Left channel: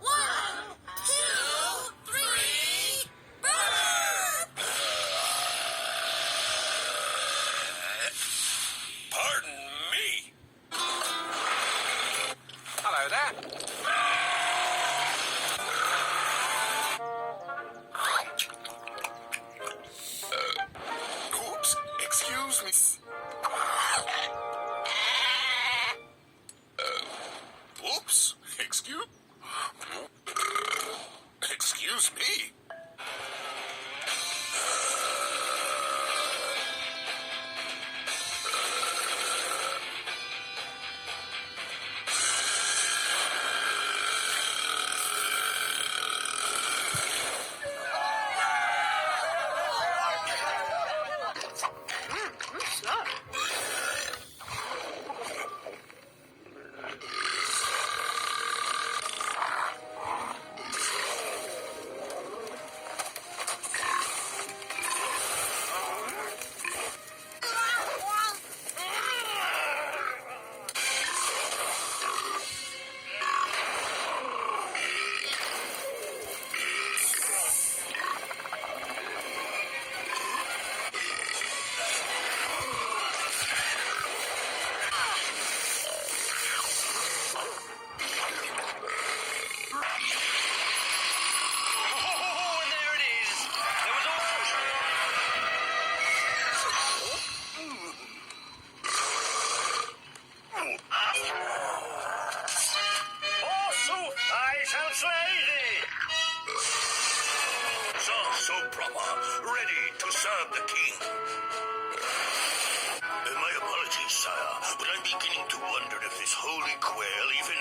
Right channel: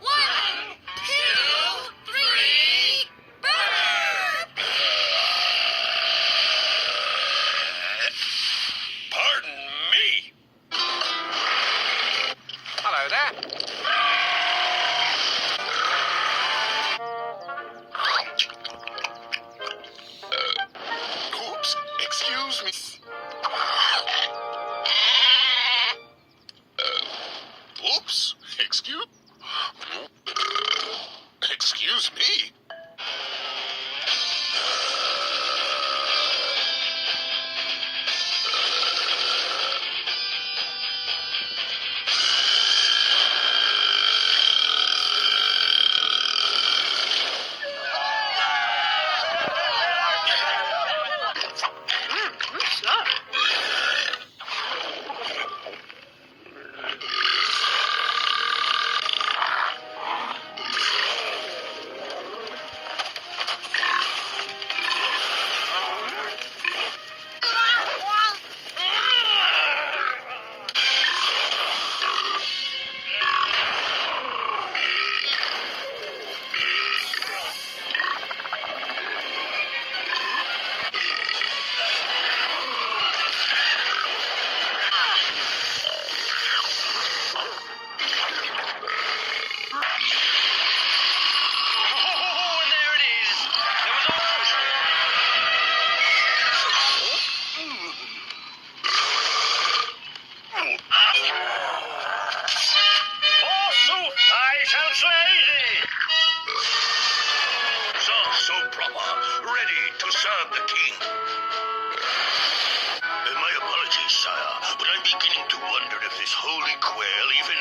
One, two, three, burn! Pardon me. Hello there. Oops, excuse me. Oops, excuse me. So proper, ready to serve the king. My apologies, sire, but I'm beginning to wonder if this holy quail even